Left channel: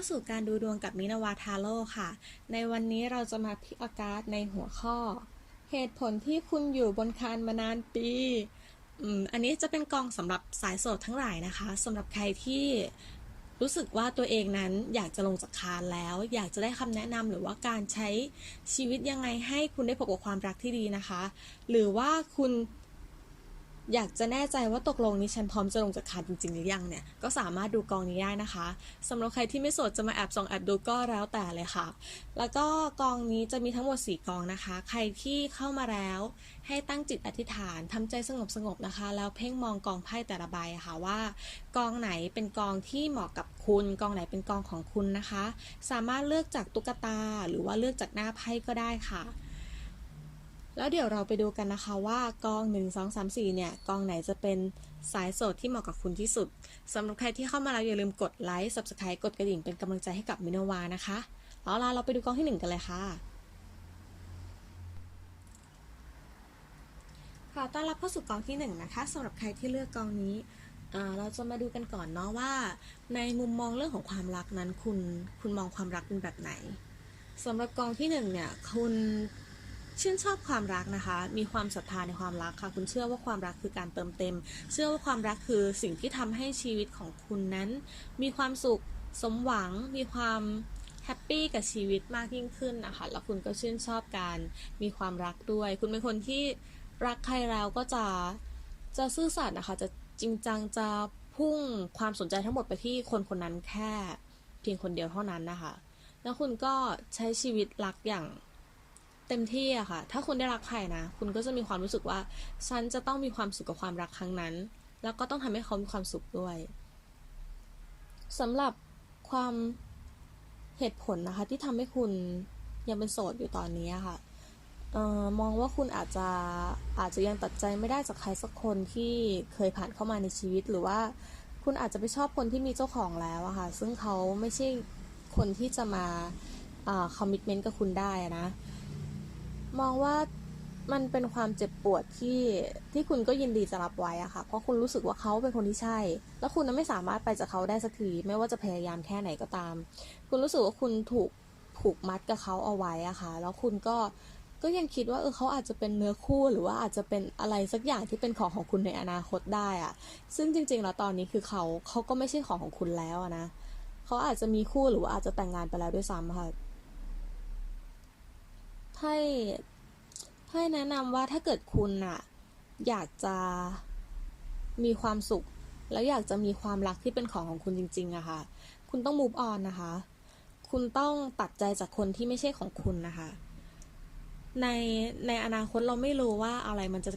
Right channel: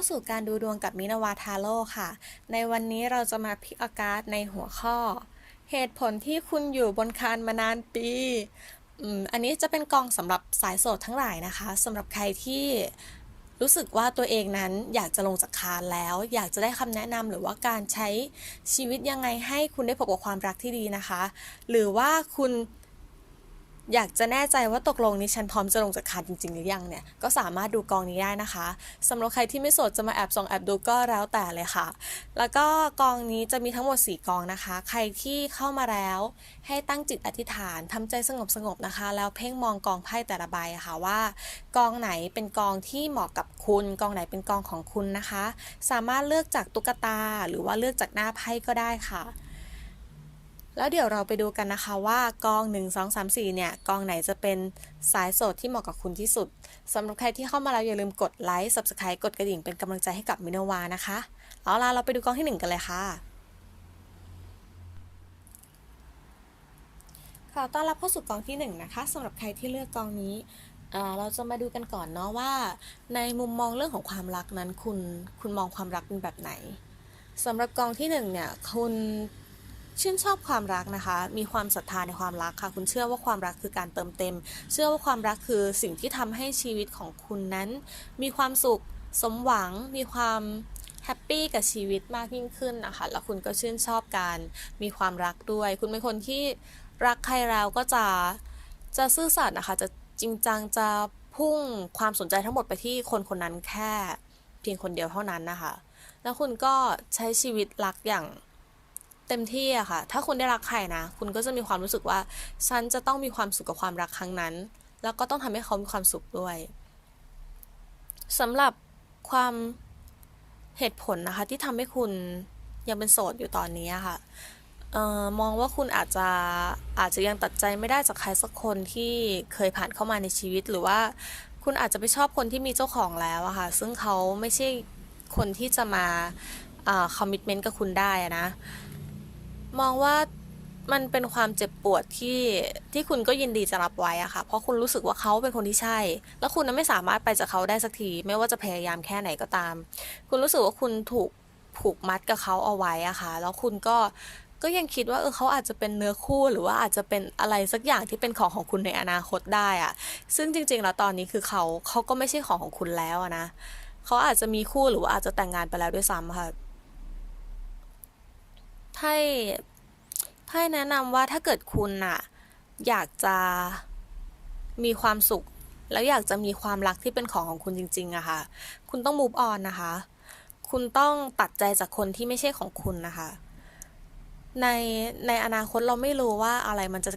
เข้าสู่การดูดวงกับมินาวาทาโร่ค่ะ ในวันนี้เราจะมาพิกอาการในหัวข้อ เหตุผลที่คุณอยู่บนคานมานานปีอันนี้จะเป็นกองสำหรับสายโสดทั้งหลายนะคะสำหรับใครที่รู้สึกว่าตัวเองนั้นอยากจะลงจากคานแล้ว อยากจะได้คำแนะนำหรือว่าการใช้ชีวิตยังไงให้คุณได้พบกับความรักที่ดีนะคะ หรือว่าคุณ อยากจะแน่ใจว่าตกลงนี้ฉันพร้อมจะลงจากคานจริง ๆ หรือยังเนี่ย ก็สามารถดูกองนี้ได้นะคะสำหรับใครที่ไม่โสดจะมาแอบส่องแอบดูก็แล้วแต่เลยค่ะ แล้วก็กองนี้จะมีทั้งหมด 4 กองนะคะ ใครที่เข้ามาแล้วให้ตั้งจิตอธิษฐานทำใจสงบสงบๆนะคะ แล้วเพ่งมองกองไพ่แต่ละใบะค่ะว่า กองไหนเป็นกองที่เหมาะกับคุณ กองไหนเป็นกองของคุณนะคะ สามารถเลือกจากตุ๊กตาหรือว่าเลือกจากหน้าไพ่ก็ได้ค่ะ แล้วเดี๋ยวเราไปดูกันนะคะว่ากอง 1 2 3 4 เนี่ยกองไหนจะเป็นสายโสดที่เหมาะกับคุณที่สุดสำหรับใครที่เข้ามาแล้วอย่าลืมกดไลค์ Subscribe กดกระดิ่งเป็นกำลังใจให้กับมินวานะคะ เอาล่ะเราไปดูกองที่ 1 กันเลยค่ะค่ะต้อนรับเข้าสู่กองที่1นะคะสำหรับใครที่เลือกกองนี้เราจะมาดูกันก่อนเนาะว่า ในมุมมองเรื่องของความรักนั้นคุณคุณมองความรักเป็นแบบไหนสำหรับกองที่หนึ่งเนี่ยคุณ ชื่นชอบความรักนะคะ มีความศรัทธาในความรักค่ะ คุณเชื่อว่าความรักคือการเติมเต็ม เชื่อว่าความรักคือสิ่งที่ทำให้ชีวิตของคุณนั้น มีความสุข สมหวัง มีความแฮปปี้กับชีวิตมากยิ่งขึ้นนะคะ แล้วคุณก็ชื่นชอบการมีความรักด้วย คุณเป็นคนที่รักใครแล้วก็จะจะซื่อสัตย์นะคะ จะจริงจัง จะพุ่งความสนใจทั้งหมดไปที่คนคนนั้นแค่เพียงคนเดียวเท่านั้นนะคะ แล้วคุณก็ใช้ชีวิตรักอย่าง เต็มที่อะค่ะ ถ้าคุณได้รักใครนะ คุณก็จะมีความรู้สึกว่า ฉันจะต้องมีความสุขกับความรักครั้งนั้น แล้วก็ต้องทำให้เขามีความสุขด้วยสำหรับความเหตุผลนะคะ ที่ทำให้คุณยังเป็นโสดอยู่ตอนนี้ค่ะออมองว่าคุณอาจจะอาจจะยังตัดใจไม่ได้จากใครสักคนที่เคยผ่านเข้ามาในชีวิตหรือว่าคุณอาจจะไปชอบคนที่มีเจ้าของแล้วอะค่ะ ซึ่งเขาไม่ใช่คนที่จะมาคอมมิชเมนต์กับคุณได้นะ มองว่ามันเป็นความเจ็บปวดที่ที่คุณก็ยินดีจะรับไว้อะค่ะ เพราะคุณรู้สึกว่าเขาเป็นคนที่ใช่ แล้วคุณไม่สามารถไปจากเขาได้สักที ไม่ว่าจะพยายามแค่ไหนก็ตาม คุณรู้สึกว่าคุณถูกผูกมัดกับเขาเอาไว้อะค่ะ แล้วคุณก็ก็ยังคิดว่าเออเขาอาจจะเป็นเนื้อคู่หรือว่าอาจจะเป็นอะไรสักอย่างที่เป็นของของคุณในอนาคตได้อะซึ่งจริง ๆ แล้วตอนนี้คือเขาเขาก็ไม่ใช่ของของคุณแล้วนะเขาอาจจะมีคู่หรือว่าอาจจะแต่งงานไปแล้วด้วยซ้ำค่ะ ไพ่ไพ่แนะนำว่าถ้าเกิดคุณอะอยากจะมีความสุข แล้วอยากจะมีความรักที่เป็นของของคุณจริงๆอะค่ะ คุณต้อง move on นะคะ คุณต้องตัดใจจากคนที่ไม่ใช่ของคุณนะคะ ในในอนาคตเราไม่รู้ว่าอะไรมันจะ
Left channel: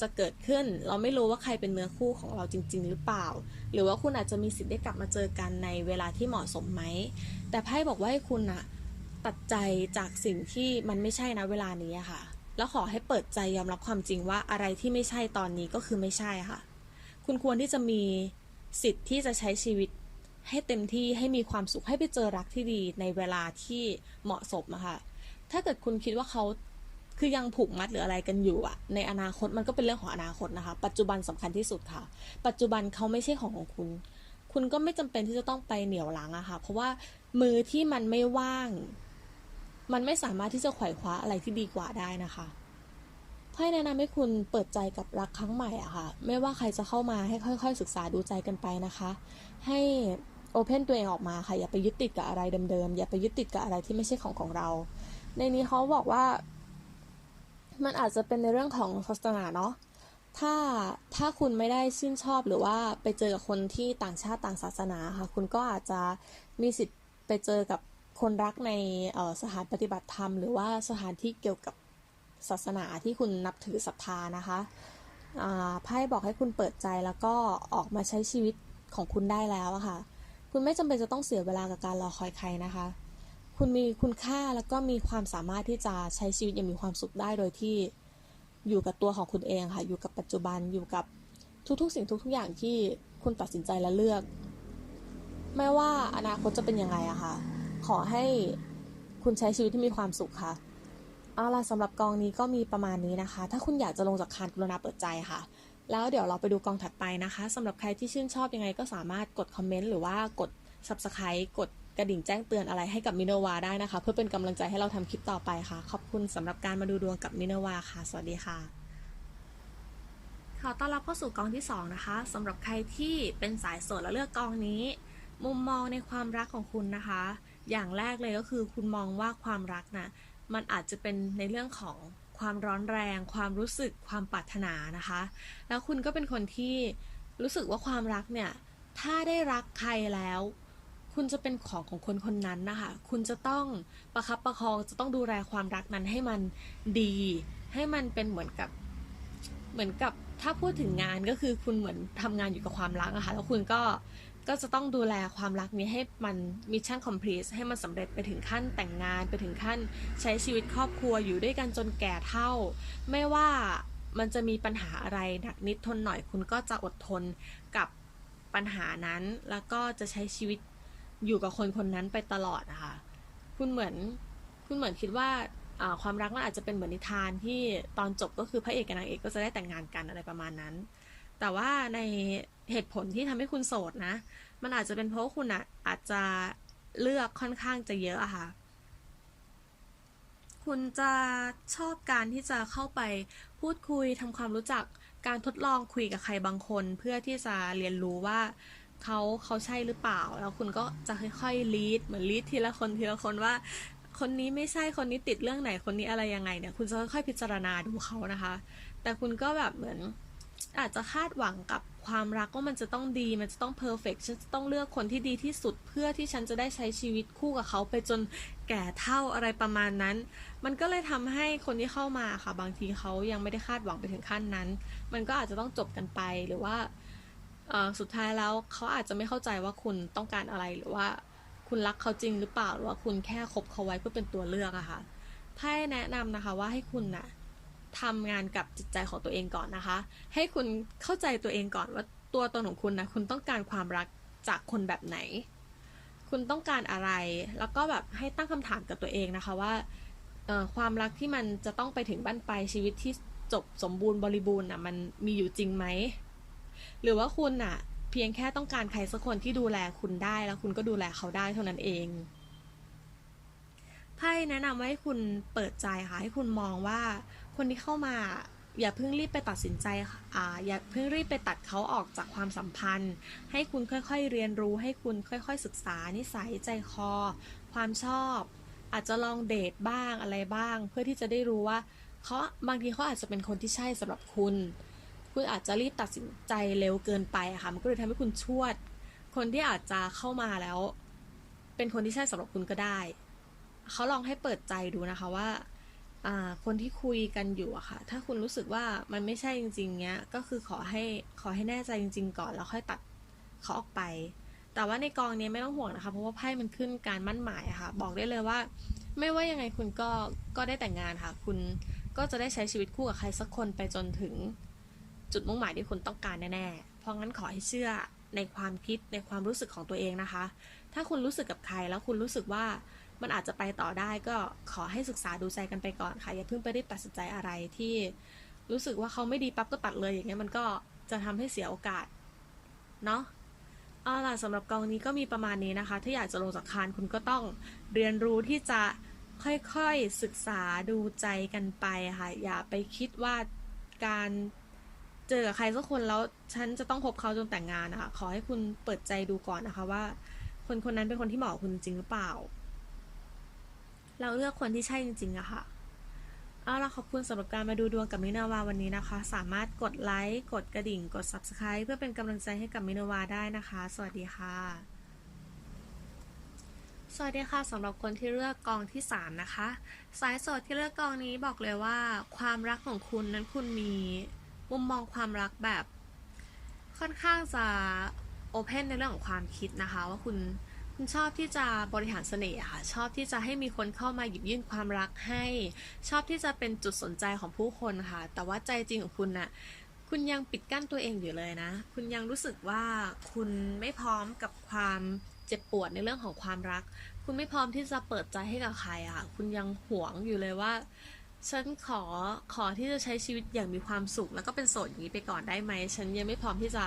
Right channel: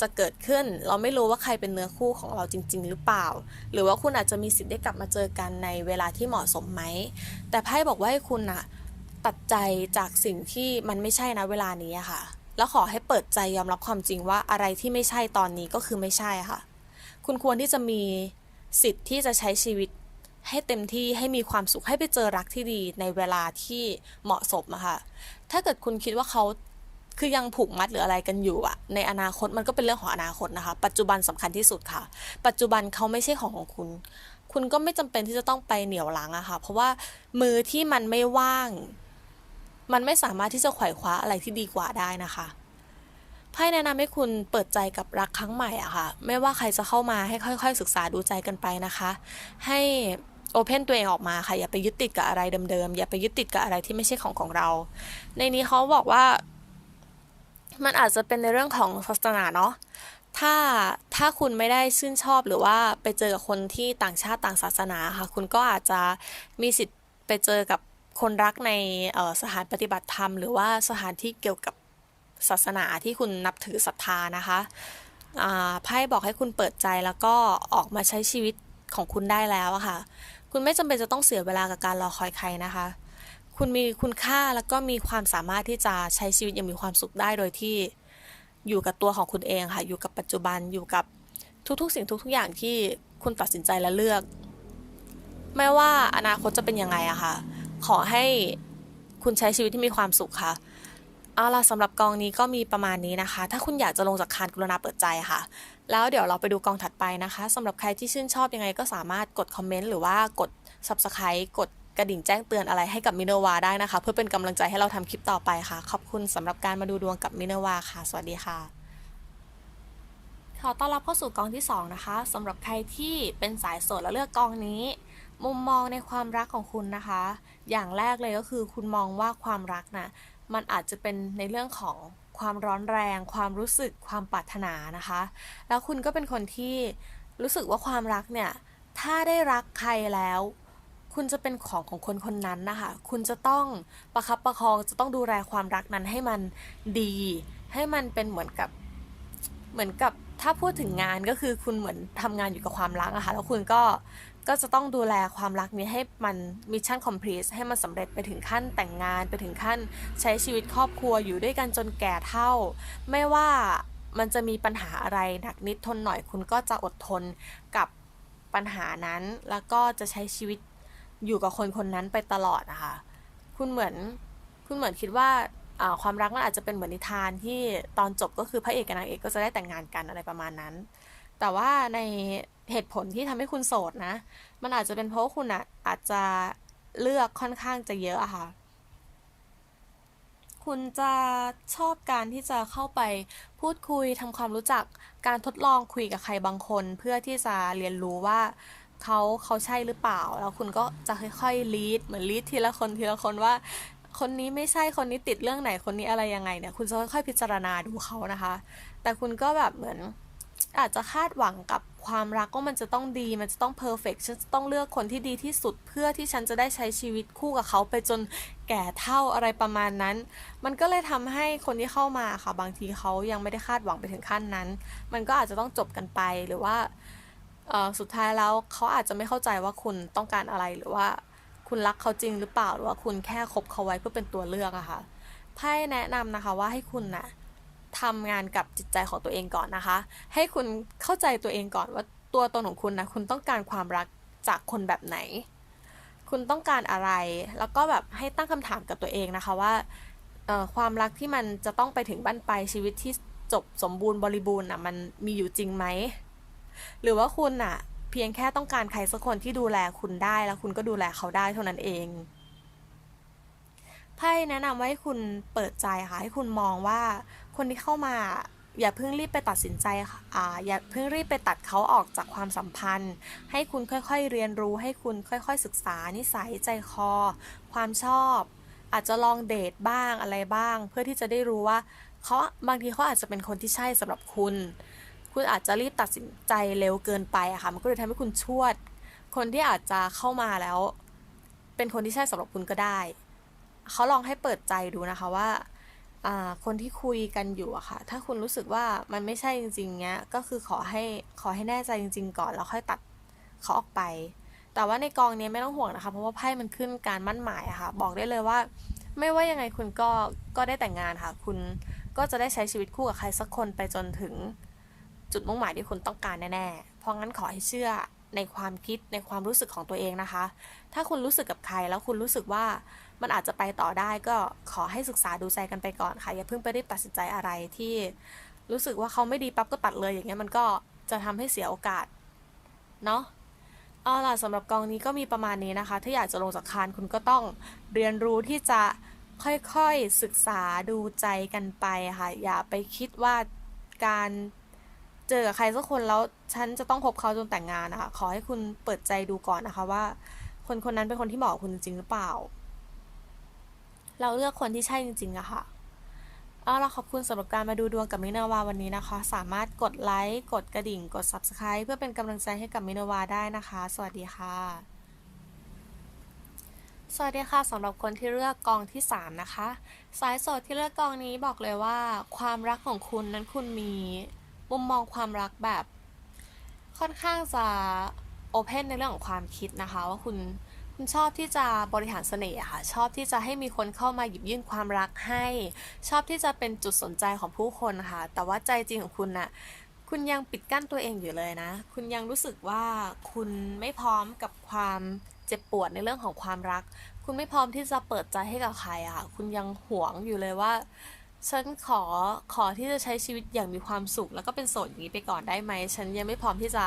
จะเกิดขึ้น เราไม่รู้ว่าใครเป็นเนื้อคู่ของเราจริง ๆ หรือเปล่า หรือว่าคุณอาจจะมีสิทธิ์ได้กลับมาเจอกันในเวลาที่เหมาะสมไหม แต่ไพ่บอกว่าให้คุณอะ ตัดใจจากสิ่งที่มันไม่ใช่นะเวลานี้ค่ะ แล้วขอให้เปิดใจยอมรับความจริงว่าอะไรที่ไม่ใช่ตอนนี้ก็คือไม่ใช่ค่ะ คุณควรที่จะมีสิทธิ์ที่จะใช้ชีวิตให้เต็มที่ให้มีความสุขให้ไปเจอรักที่ดีในเวลาที่เหมาะสมอะค่ะ ถ้าเกิดคุณคิดว่าเขาคือยังผูกมัดหรืออะไรกันอยู่อะในอนาคตมันก็เป็นเรื่องของอนาคตนะคะ ปัจจุบันสำคัญที่สุดค่ะ ปัจจุบันเขาไม่ใช่ของของคุณ คุณก็ไม่จำเป็นที่จะต้องไปเหนี่ยวรั้งอะค่ะ เพราะว่ามือที่มันไม่ว่าง มันไม่สามารถที่จะไขว่คว้าอะไรที่ดีกว่าได้นะคะไพ่แนะนำให้คุณเปิดใจกับรักครั้งใหม่อะค่ะ ไม่ว่าใครจะเข้ามาให้ค่อยๆ ศึกษาดูใจกันไปนะคะ ให้โอเพนตัวเองออกมาค่ะ อย่าไปยึดติดกับอะไรเดิมๆ อย่าไปยึดติดกับอะไรที่ไม่ใช่ของของเรา ในนี้เขาบอกว่า มันอาจจะเป็นในเรื่องของศาสนาเนาะถ้าถ้าคุณไม่ได้ชื่นชอบหรือว่าไปเจอกับคนที่ต่างชาติต่างศาสนาค่ะ คุณก็อาจจะมีสิทธิ์ไปเจอกับ คนรักในสถานปฏิบัติธรรม หรือว่าสถานที่เกี่ยวกับศาสนาที่คุณนับถือศรัทธานะคะไพ่บอกให้คุณเปิดใจแล้วก็ออกมาใช้ชีวิตของคุณได้แล้วอะค่ะ คุณไม่จำเป็นจะต้องเสียเวลากับการรอคอยใครนะคะ คุณมีคุณค่าแล้วก็มีความสามารถที่จะใช้ชีวิตอย่างมีความสุขได้โดยที่อยู่กับตัวของคุณเองค่ะ อยู่กับปัจจุบันอยู่กับทุกๆ สิ่งทุกๆอย่างที่คุณตัดสินใจและเลือก ไม่ว่าอนาคตจะเป็นยังไงอะค่ะ ขอให้คุณใช้ชีวิตที่มีความสุขค่ะ เอาล่ะสำหรับกองนี้ก็มีประมาณนี้นะคะ ถ้าคุณอยากจะลงจากคานกรุณาเปิดใจค่ะ แล้วเดี๋ยวเราไปดูกองถัดไปนะคะสำหรับใครที่ชื่นชอบยังไงก็สามารถกดคอมเมนต์หรือว่ากด subscribe กดกระดิ่งแจ้งเตือนอะไรให้กับมินวาได้นะคะ เพื่อเป็นกำลังใจให้เราทำคลิปต่อไปค่ะ ขอบคุณสำหรับการมาดูดวงกับมินวาค่ะ สวัสดีค่ะ ขอต้อนรับเข้าสู่กองที่ 2 นะคะสำหรับใครที่เป็นสายโสดแล้วเลือกกองนี้ มุมมองในความรักของคุณนะคะ อย่างแรกเลยก็คือคุณมองว่าความรักนะมันอาจจะเป็นในเรื่องของความร้อนแรง ความรู้สึกความปรารถนานะคะ แล้วคุณก็เป็นคนที่รู้สึกว่าความรักเนี่ยถ้าได้รักใครแล้ว คุณจะเป็นของของคนคนนั้นนะคะ คุณจะต้องประคับประคองจะต้องดูแลความรักนั้นให้มันดี ให้มันเป็นเหมือนกับเหมือนกับถ้าพูดถึงงานก็คือคุณเหมือนทำงานอยู่กับความรักอะค่ะแล้วคุณก็ ก็จะต้องดูแลความรักนี้ให้มันมิชชั่นคอมพลีทให้มันสำเร็จไปถึงขั้นแต่งงานไปถึงขั้นใช้ชีวิตครอบครัวอยู่ด้วยกันจนแก่เท่า ไม่ว่ามันจะมีปัญหาอะไรหนักนิดทนหน่อยคุณก็จะอดทนกับปัญหานั้น แล้วก็จะใช้ชีวิตอยู่กับคนคนนั้นไปตลอดนะคะคุณเหมือนคุณเหมือนคิดว่าอ่าความรักมันอาจจะเป็นเหมือนนิทานที่ตอนจบก็คือพระเอกกับนางเอกก็จะได้แต่งงานกันอะไรประมาณนั้น แต่ว่าใน เหตุผลที่ทำให้คุณโสดนะ มันอาจจะเป็นเพราะคุณอะอาจจะเลือกค่อนข้างจะเยอะอะค่ะ คุณจะชอบการที่จะเข้าไปพูดคุยทำความรู้จักการทดลองคุยกับใครบางคน เพื่อที่จะเรียนรู้ว่าเขาเขาใช่หรือเปล่า แล้วคุณก็จะค่อยๆลีดเหมือนลีดทีละคนทีละคนว่าคนนี้ไม่ใช่คนนี้ติดเรื่องไหนคนนี้อะไรยังไงเนี่ย คุณจะค่อยๆพิจารณาดูเขานะคะ แต่คุณก็แบบเหมือนอาจจะคาดหวังกับ ความรักว่ามันจะต้องดี มันจะต้องเพอร์เฟกฉันจะต้องเลือกคนที่ดีที่สุด เพื่อที่ฉันจะได้ใช้ชีวิตคู่กับเขาไปจนแก่เท่าอะไรประมาณนั้น มันก็เลยทำให้คนที่เข้ามาค่ะ บางทีเขายังไม่ได้คาดหวังไปถึงขั้นนั้น มันก็อาจจะต้องจบกันไปหรือว่าสุดท้ายแล้วเขาอาจจะไม่เข้าใจว่าคุณต้องการอะไรหรือว่าคุณรักเขาจริงหรือเปล่าหรือว่าคุณแค่คบเขาไว้เพื่อเป็นตัวเลือกอะค่ะไพ่แนะนำนะคะว่าให้คุณน่ะ ทำงานกับจิตใจของตัวเองก่อนนะคะ ให้คุณเข้าใจตัวเองก่อนว่าตัวตนของคุณนะคุณต้องการความรักจากคนแบบไหน คุณต้องการอะไร แล้วก็แบบให้ตั้งคำถามกับตัวเองนะคะว่าความรักที่มันจะต้องไปถึงบั้นปลายชีวิตที่จบสมบูรณ์บริบูรณ์อะมันมีอยู่จริงไหมหรือว่าคุณอะ เพียงแค่ต้องการใครสักคนที่ดูแลคุณได้แล้วคุณก็ดูแลเขาได้เท่านั้นเองไพ่แนะนำว่าให้คุณเปิดใจค่ะให้คุณมองว่า คนที่เข้ามาอย่าเพิ่งรีบไปตัดสินใจอ่าอย่าเพิ่งรีบไปตัดเขาออกจากความสัมพันธ์ ให้คุณค่อยๆเรียนรู้ให้คุณค่อยๆศึกษา นิสัยใจคอ ความชอบ อาจจะลองเดทบ้างอะไรบ้าง เพื่อที่จะได้รู้ว่าเขาบางทีเขาอาจจะเป็นคนที่ใช่สำหรับคุณ คุณอาจจะรีบตัดสินใจเร็วเกินไปอะค่ะมันก็เลยทำให้คุณชวด คนที่อาจจะเข้ามาแล้ว เป็นคนที่ใช่สำหรับคุณก็ได้เขาลองให้เปิดใจดูนะคะว่า คนที่คุยกันอยู่อะค่ะ ถ้าคุณรู้สึกว่ามันไม่ใช่จริงๆเนี้ย ก็คือขอให้ขอให้แน่ใจจริง ๆ ก่อนแล้วค่อยตัดเขาออกไป แต่ว่าในกองเนี้ยไม่ต้องห่วงนะคะ เพราะว่าไพ่มันขึ้นการมั่นหมายอะค่ะ บอกได้เลยว่า ไม่ว่ายังไงคุณก็ก็ได้แต่งงานค่ะ คุณก็จะได้ใช้ชีวิตคู่กับใครสักคนไปจนถึงจุดมุ่งหมายที่คุณต้องการแน่ๆ เพราะงั้นขอให้เชื่อในความคิดในความรู้สึกของตัวเองนะคะ ถ้าคุณรู้สึกกับใครแล้วคุณรู้สึกว่า มันอาจจะไปต่อได้ก็ขอให้ศึกษาดูใจกันไปก่อนค่ะ อย่าเพิ่งไปรีบตัดสินใจอะไรที่รู้สึกว่าเขาไม่ดีปั๊บก็ตัดเลยอย่างเงี้ยมันก็จะทำให้เสียโอกาสเนาะเอาล่ะสำหรับกองนี้ก็มีประมาณนี้นะคะ ถ้าอยากจะลงจากคานคุณก็ต้องเรียนรู้ที่จะค่อยๆศึกษาดูใจกันไปค่ะ อย่าไปคิดว่าการเจอใครสักคนแล้วฉันจะต้องคบเขาจนแต่งงานนะคะขอให้คุณเปิดใจดูก่อนนะคะว่า คนคนนั้นเป็นคนที่เหมาะกับคุณจริงหรือเปล่า เราเลือกคนที่ใช่จริงๆอะค่ะเอาละขอบคุณสำหรับการมาดูดวงกับมินาวาวันนี้นะคะ สามารถกดไลค์กดกระดิ่ง กด Subscribe เพื่อเป็นกำลังใจให้กับมินาวาได้นะคะ สวัสดีค่ะ สวัสดีค่ะสำหรับคนที่เลือกกองที่3นะคะ สายโสดที่เลือกกองนี้บอกเลยว่า ความรักของคุณนั้นคุณมีมุมมองความรักแบบ ค่อนข้างจะโอเพนในเรื่องของความคิดนะคะ ว่าคุณ คุณชอบที่จะบริหารเสน่ห์ค่ะ ชอบที่จะให้มีคนเข้ามาหยิบยื่นความรักให้ ชอบที่จะเป็นจุดสนใจของผู้คนค่ะ แต่ว่าใจจริงของคุณน่ะคุณยังปิดกั้นตัวเองอยู่เลยนะ คุณยังรู้สึกว่าคุณไม่พร้อมกับความเจ็บปวดในเรื่องของความรัก คุณไม่พร้อมที่จะเปิดใจให้กับใครอะค่ะ คุณยังหวงอยู่เลยว่าฉันขอขอที่จะใช้ชีวิตอย่างมีความสุข แล้วก็เป็นโสดอย่างนี้ไปก่อนได้ไหม ฉันยังไม่พร้อมที่จะ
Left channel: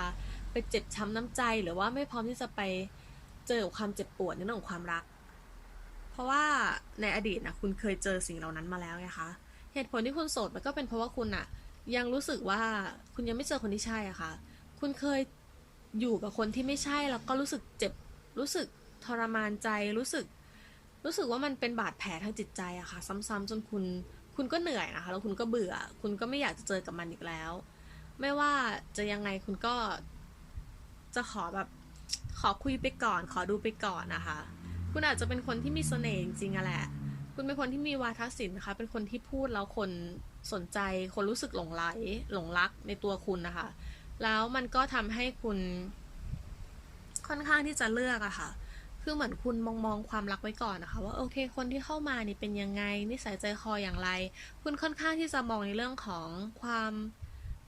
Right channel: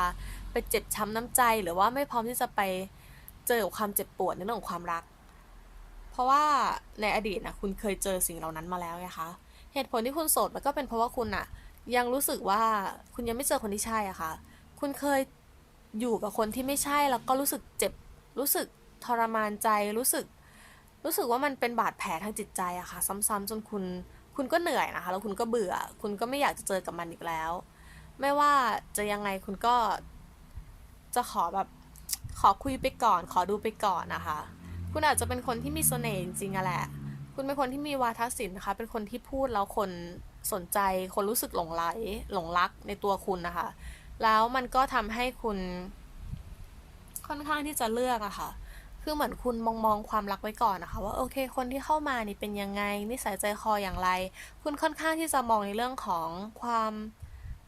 ไปเจ็บช้ำน้ำใจ หรือว่าไม่พร้อมที่จะไป เจอกับความเจ็บปวดในเรื่องของความรัก เพราะว่าในอดีตนะคุณเคยเจอสิ่งเหล่านั้นมาแล้วนะคะ เหตุผลที่คุณโสดมันก็เป็นเพราะว่าคุณอะยังรู้สึกว่าคุณยังไม่เจอคนที่ใช่อะค่ะ คุณเคยอยู่กับคนที่ไม่ใช่แล้วก็รู้สึกเจ็บ รู้สึกทรมานใจ รู้สึก รู้สึกว่ามันเป็นบาดแผลทางจิตใจอะค่ะ ซ้ำๆจนคุณ คุณก็เหนื่อยนะคะ แล้วคุณก็เบื่อ คุณก็ไม่อยากจะเจอกับมันอีกแล้ว ไม่ว่าจะยังไงคุณก็จะขอแบบ ขอคุยไปก่อน ขอดูไปก่อนนะคะ คุณอาจจะเป็นคนที่มีเสน่ห์จริงๆอะแหละ คุณเป็นคนที่มีวาทศิลป์นะคะ เป็นคนที่พูดแล้วคนสนใจ คนรู้สึกหลงไหลหลงรักในตัวคุณนะคะ แล้วมันก็ทำให้คุณค่อนข้างที่จะเลือกอะค่ะ คือเหมือนคุณมองมองความรักไว้ก่อนนะคะ ว่าโอเค คนที่เข้ามานี่เป็นยังไง นิสัยใจคออย่างไร คุณค่อนข้างที่จะมองในเรื่องของความ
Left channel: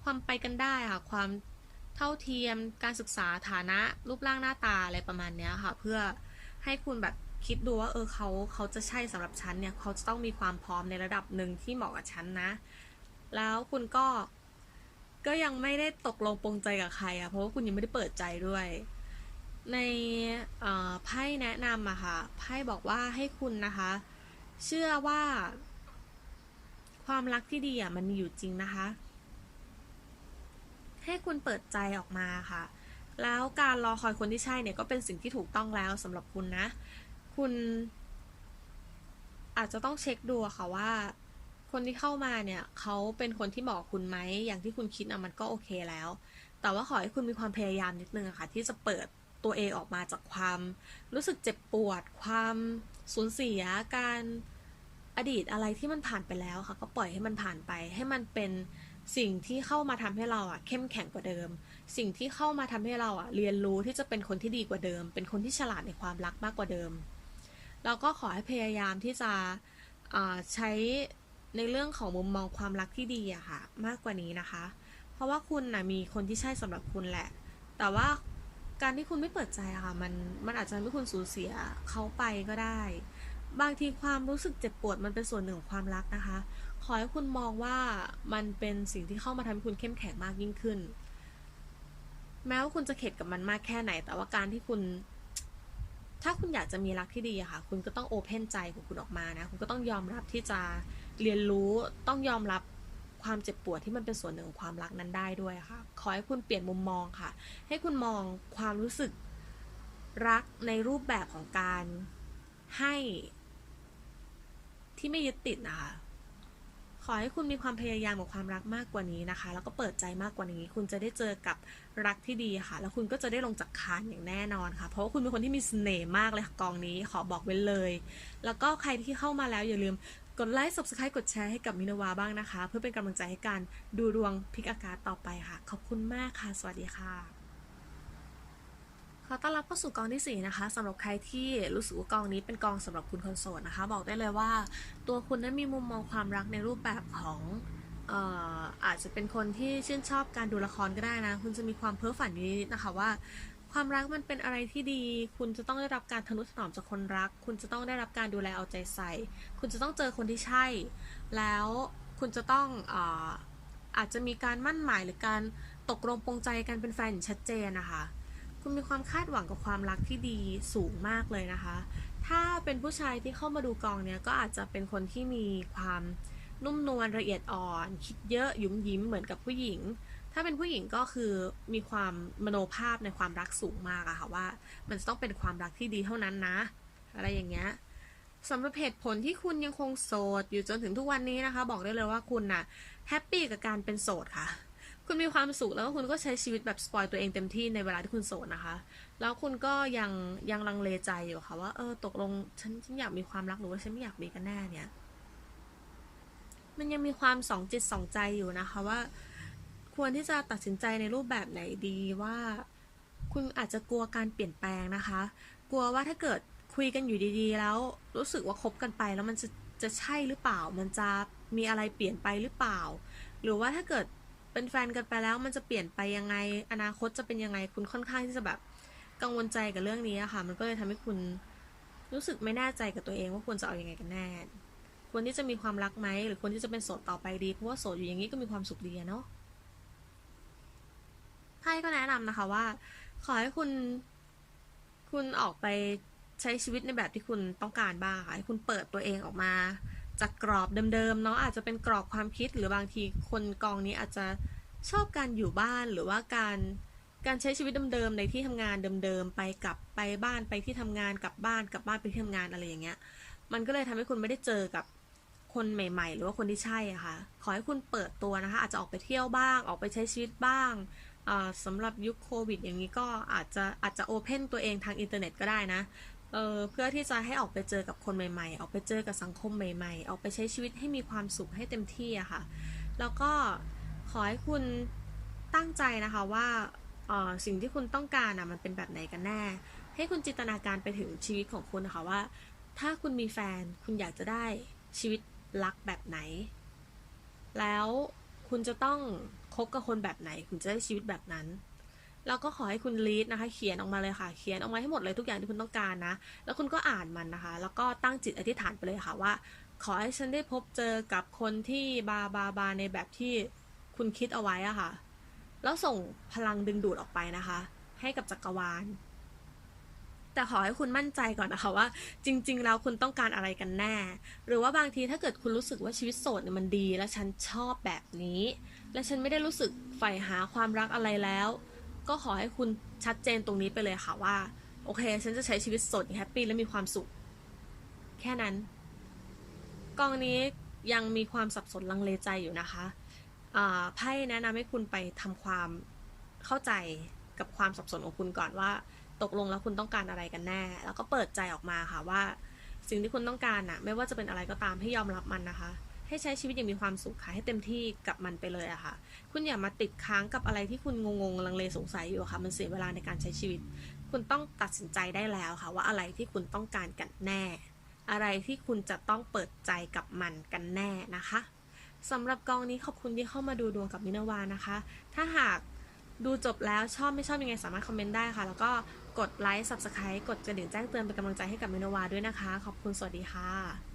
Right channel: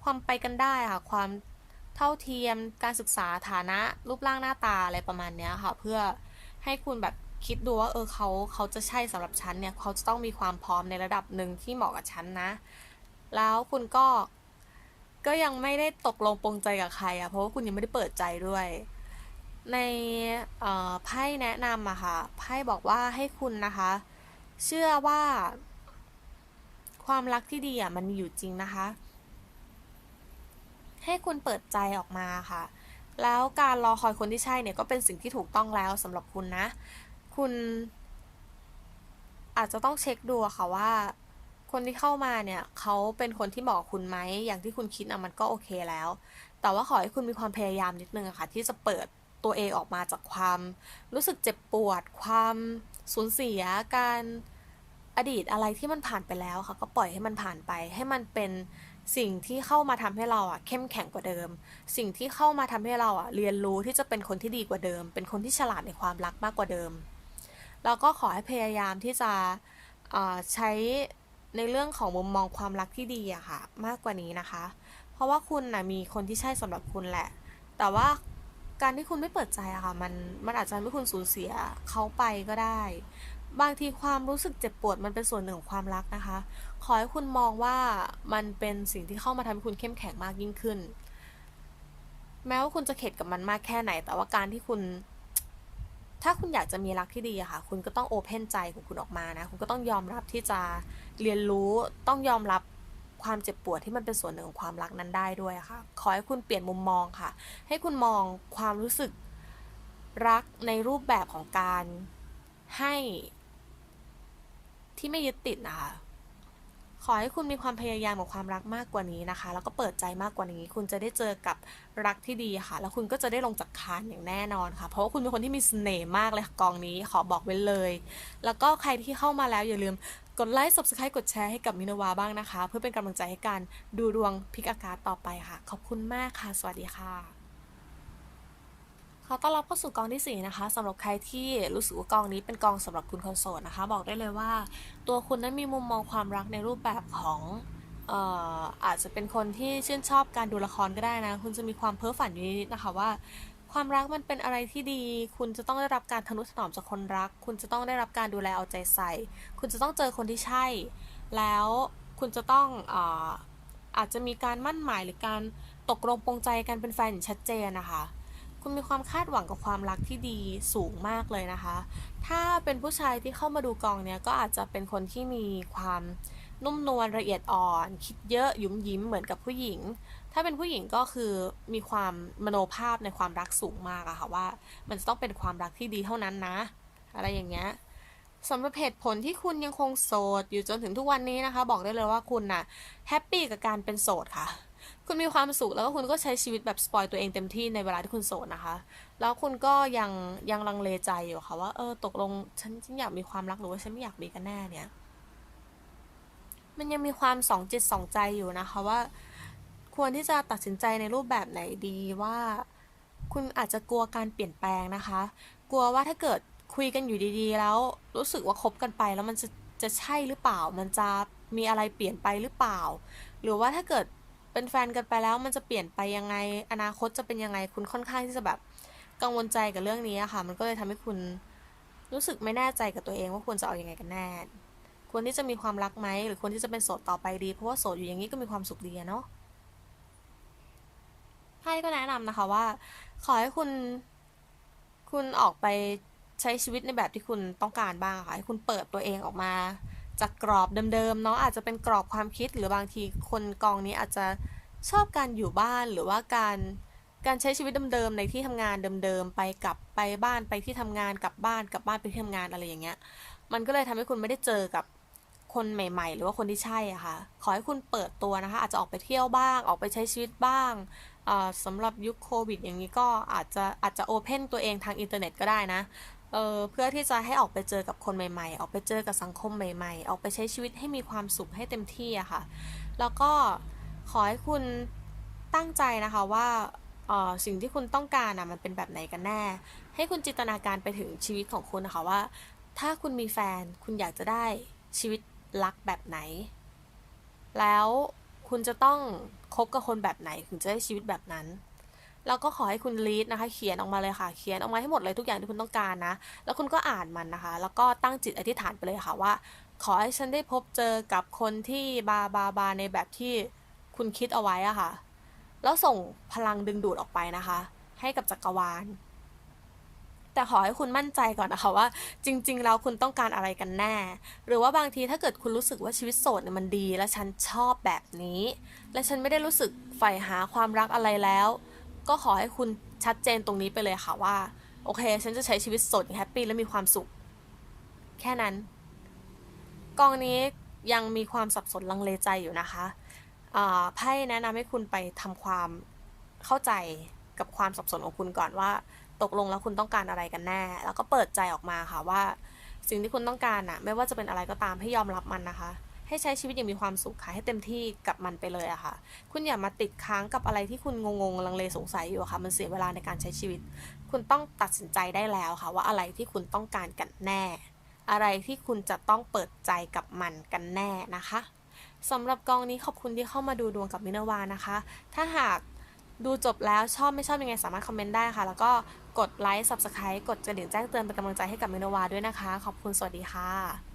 ความไปกันได้ค่ะ ความ เท่าเทียมการศึกษาฐานะรูปร่างหน้าตาอะไรประมาณเนี้ยค่ะ เพื่อให้คุณแบบคิดดูว่าเออเขาเขาจะใช่สำหรับฉันเนี่ยเขาจะต้องมีความพร้อมในระดับหนึ่งที่เหมาะกับฉันนะ แล้วคุณก็ก็ยังไม่ได้ตกลงปรงใจกับใครอะเพราะว่าคุณยังไม่ได้เปิดใจด้วย ในไพ่แนะนำอะค่ะไพ่บอกว่าให้คุณนะคะ เชื่อว่า ความรักที่ดีอะมันมีอยู่จริงนะคะ ให้คุณเปิดใจออกมาค่ะ แล้วการรอคอยคนที่ใช่เนี่ยก็เป็นสิ่งที่ถูกต้องแล้วสำหรับคุณนะ คุณ อาจจะต้องเช็คดูค่ะว่า คนที่เข้ามาเนี่ยเขาเป็นคนที่เหมาะกับคุณไหมอย่างที่คุณคิดอะมันก็โอเคแล้ว แต่ว่าขอให้คุณมีความพยายามนิดนึงอะค่ะ ที่จะเปิดตัวเองออกมาจากความรู้สึกเจ็บปวด ความสูญเสียการอดีตอะไรที่มันผ่านไปแล้วค่ะ ก็ปล่อยให้มันผ่านไป ให้มันเป็น สิ่งที่เข้ามาทำให้เราอะเข้มแข็งกว่าเดิม สิ่งที่เข้ามาทำให้เราอะเรียนรู้ที่จะเป็นคนที่ดีกว่าเดิม เป็นคนที่ฉลาดในความรักมากกว่าเดิม แล้วก็ขอให้พยายามที่จะใช้ในเรื่องของมุมมองความรักที่ดีอะค่ะ มากกว่านี้นะคะ เพราะว่าคุณนะมีคนที่ใช่สำหรับคุณแหละ แต่ว่าการที่คุณไม่เปิดใจอะค่ะมันมันอาจจะทำให้คุณสูญเสียเขาไปก็ได้ บางทีความรู้สึกเจ็บปวดมันเป็นส่วนหนึ่งของความรักนะคะ ขอให้คุณมองว่ามันเป็นสิ่งที่เข้ามาทำให้คุณเข้มแข็งมากยิ่งขึ้น แม้ว่าคุณจะเข็ดกับมันมากแค่ไหน แต่ว่าการที่คุณ ถ้าคุณอยากจะมีรักที่ดีอะค่ะ คุณก็ต้องโอเพนใจของคุณออกมานะ คุณก็ต้องยอมรับที่จะเรียนรู้ ต้องยอมรับความเจ็บปวดที่มันเป็นส่วนหนึ่งของความรักนั้นได้ด้วยค่ะ ขอให้คุณเปลี่ยนมุมมองค่ะ ให้คุณมองความรู้สึกรักในรูปแบบของการให้ ที่ไม่ยึดติดนะคะ ขอให้คุณมีความพยายามกับความรักมากกว่านี้นะคะ แล้วก็เปิดใจมากกว่านี้ คุณจะได้เจอกับรักที่ดีค่ะ แล้วคุณก็จะได้ลงจากคานอย่างแน่นอนค่ะ เพราะว่าคุณเป็นคนที่มีเสน่ห์มากเลยค่ะกองนี้ ขอบอกไว้เลย แล้วก็ใครที่เข้ามาแล้วอย่าลืมกดไลค์ subscribe กดแชร์ให้กับมินาวาบ้างนะคะ เพื่อเป็นกำลังใจให้การดูดวงพิกอากาศต่อไปค่ะ ขอบคุณมากค่ะ สวัสดีค่ะ ขอต้อนรับเข้าสู่กองที่ 4 นะคะสำหรับใครที่รู้สึกว่ากองนี้เป็นกองสำหรับคุณคนโสดนะคะ บอกได้เลยว่า ตัวคุณนั้นมีมุมมองความรักในรูปแบบของเอ่ออาจจะเป็นคนที่ชื่นชอบการดูละครก็ได้นะ คุณจะมีความเพ้อฝันอยู่นิดนะคะว่า ความรักมันเป็นอะไรที่ดี คุณจะต้องได้รับการทนุถนอมจากคนรัก คุณจะต้องได้รับการดูแลเอาใจใส่ คุณจะต้องเจอคนที่ใช่ แล้วคุณจะต้องอาอาจจะมีการมั่นหมายหรือการตกลงปรงใจกันเป็นแฟนอย่างชัดเจนนะคะ คุณมีความคาดหวังกับความรักที่ดีสูงมากเลยนะคะ ถ้าเป็นผู้ชายที่เข้ามาดูกองเนี้ยก็อาจจะเป็นคนที่มีความนุ่มนวลละเอียดอ่อน คิดเยอะยุมยิ้มเหมือนกับผู้หญิง ถ้าเป็นผู้หญิงก็คือมีความมโนภาพในความรักสูงมากอะค่ะว่า มันจะต้องเป็นความรักที่ดีเท่านั้นนะ อะไรอย่างเงี้ยสำหรับเหตุผลที่คุณยังคงโสดอยู่จนถึงทุกวันนี้นะคะ บอกได้เลยว่าคุณน่ะแฮปปี้กับการเป็นโสดค่ะ คุณมีความสุขแล้วก็คุณก็ใช้ชีวิตแบบสปอยตัวเองเต็มที่ในเวลาที่คุณโสดนะคะ แล้วคุณก็ยังยังลังเลใจอยู่ค่ะว่าเออตกลงฉันฉันอยากมีความรักหรือว่าฉันไม่อยากมีกันแน่เนี่ย มันยังมีความสองจิตสองใจอยู่นะคะว่า ควรที่จะตัดสินใจในรูปแบบไหนดีว่า คุณอาจจะกลัวการเปลี่ยนแปลงนะคะ กลัวว่าถ้าเกิดคุยกันอยู่ดีๆ แล้วรู้สึกว่าคบกันไปแล้วมันจะจะใช่หรือเปล่า มันจะมีอะไรเปลี่ยนไปหรือเปล่า หรือว่าถ้าเกิด เป็นแฟนกันไปแล้วมันจะเปลี่ยนไปยังไง อนาคตจะเป็นยังไงคุณค่อนข้างที่จะแบบกังวลใจกับเรื่องนี้อะค่ะ มันก็เลยทำให้คุณรู้สึกไม่แน่ใจกับตัวเองว่าควรจะเอาอยัางไงกันแน่ควรที่จะมีความรักไหมหรือควรที่จะเป็นโสดต่อไปดี เพราะว่าโสดอยู่อย่างนี้ก็มีความสุขดีเนาะไพ่ก็แนะนำนะคะว่า ขอให้คุณ คุณออกไปใช้ชีวิตในแบบที่คุณต้องการบ้างค่ะให้คุณเปิดตัวเองออกมา จากกรอบเดิมๆเนาะอาจจะเป็นกรอบความคิดหรือบางทีคนกองนี้อาจจะชอบการอยู่บ้านหรือว่าการการใช้ชีวิตเดิมๆในที่ทำงานเดิมๆไปกลับไปบ้านไปที่ทำงานกลับบ้านกลับบ้านไปที่ทำงานอะไรอย่างเงี้ย มันก็เลยทำให้คุณไม่ได้เจอกับคนใหม่ ๆ หรือว่าคนที่ใช่อะค่ะ ขอให้คุณเปิดตัวนะคะ อาจจะออกไปเที่ยวบ้าง ออกไปใช้ชีวิตบ้างอ่าสำหรับยุคโควิดอย่างนี้ก็อาจจะอาจจะโอเพนตัวเองทางอินเทอร์เน็ตก็ได้นะ เออเพื่อที่จะให้ออกไปเจอกับคนใหม่ๆ ออกไปเจอกับสังคมใหม่ ๆ ออกไปใช้ชีวิตให้มีความสุขให้เต็มที่อะค่ะ แล้วก็ขอให้คุณตั้งใจนะคะว่าอ่อสิ่งที่คุณต้องการอะมันเป็นแบบไหนกันแน่ ให้คุณจินตนาการไปถึงชีวิตของคุณนะคะว่า ถ้าคุณมีแฟนคุณอยากจะได้ชีวิตรักแบบไหน แล้วคุณจะต้องคบกับคนแบบไหนถึงจะได้ชีวิตแบบนั้น แล้วก็ขอให้คุณลีดนะคะ เขียนออกมาเลยค่ะ เขียนออกมาให้หมดเลยทุกอย่างที่คุณต้องการนะ แล้วคุณก็อ่านมันนะคะ แล้วก็ตั้งจิตอธิษฐานไปเลยค่ะว่า ขอให้ฉันได้พบเจอกับคนที่บาบาบาในแบบที่คุณคิดเอาไว้อะค่ะ แล้วส่งพลังดึงดูดออกไปนะคะ ให้กับจักรวาล แต่ขอให้คุณมั่นใจก่อนนะคะว่า จริง ๆ แล้วคุณต้องการอะไรกันแน่ หรือว่าบางทีถ้าเกิดคุณรู้สึกว่าชีวิตโสดเนี่ยมันดี และฉันชอบแบบนี้ และฉันไม่ได้รู้สึกใฝ่หาความรักอะไรแล้ว ก็ขอให้คุณชัดเจนตรงนี้ไปเลยค่ะว่า โอเค ฉันจะใช้ชีวิตสดอย่างแฮปปี้และมีความสุข แค่นั้น กองนี้ยังมีความสับสนลังเลใจอยู่นะคะอ่าไพ่แนะนำให้คุณไปทำความเข้าใจกับความสับสนของคุณก่อนว่า ตกลงแล้วคุณต้องการอะไรกันแน่ แล้วก็เปิดใจออกมาค่ะว่า สิ่งที่คุณต้องการอะไม่ว่าจะเป็นอะไรก็ตามให้ยอมรับมันนะคะ ให้ใช้ชีวิตอย่างมีความสุขค่ะให้เต็มที่กับมันไปเลยอะค่ะ คุณอย่ามาติดค้างกับอะไรที่คุณงงๆลังเลสงสัยอยู่ค่ะ มันเสียเวลาในการใช้ชีวิต คุณต้องตัดสินใจได้แล้วค่ะ ว่าอะไรที่คุณต้องการกันแน่ อะไรที่คุณจะต้องเปิดใจกับมันกันแน่นะคะสำหรับกองนี้ขอบคุณที่เข้ามาดูดวงกับมินวานะคะ ถ้าหากดูจบแล้วชอบไม่ชอบยังไงสามารถคอมเมนต์ได้ค่ะ แล้วก็กดไลค์ subscribe กดกระดิ่งแจ้งเตือนเป็นกำลังใจให้กับมินวาด้วยนะคะ ขอบคุณสวัสดีค่ะ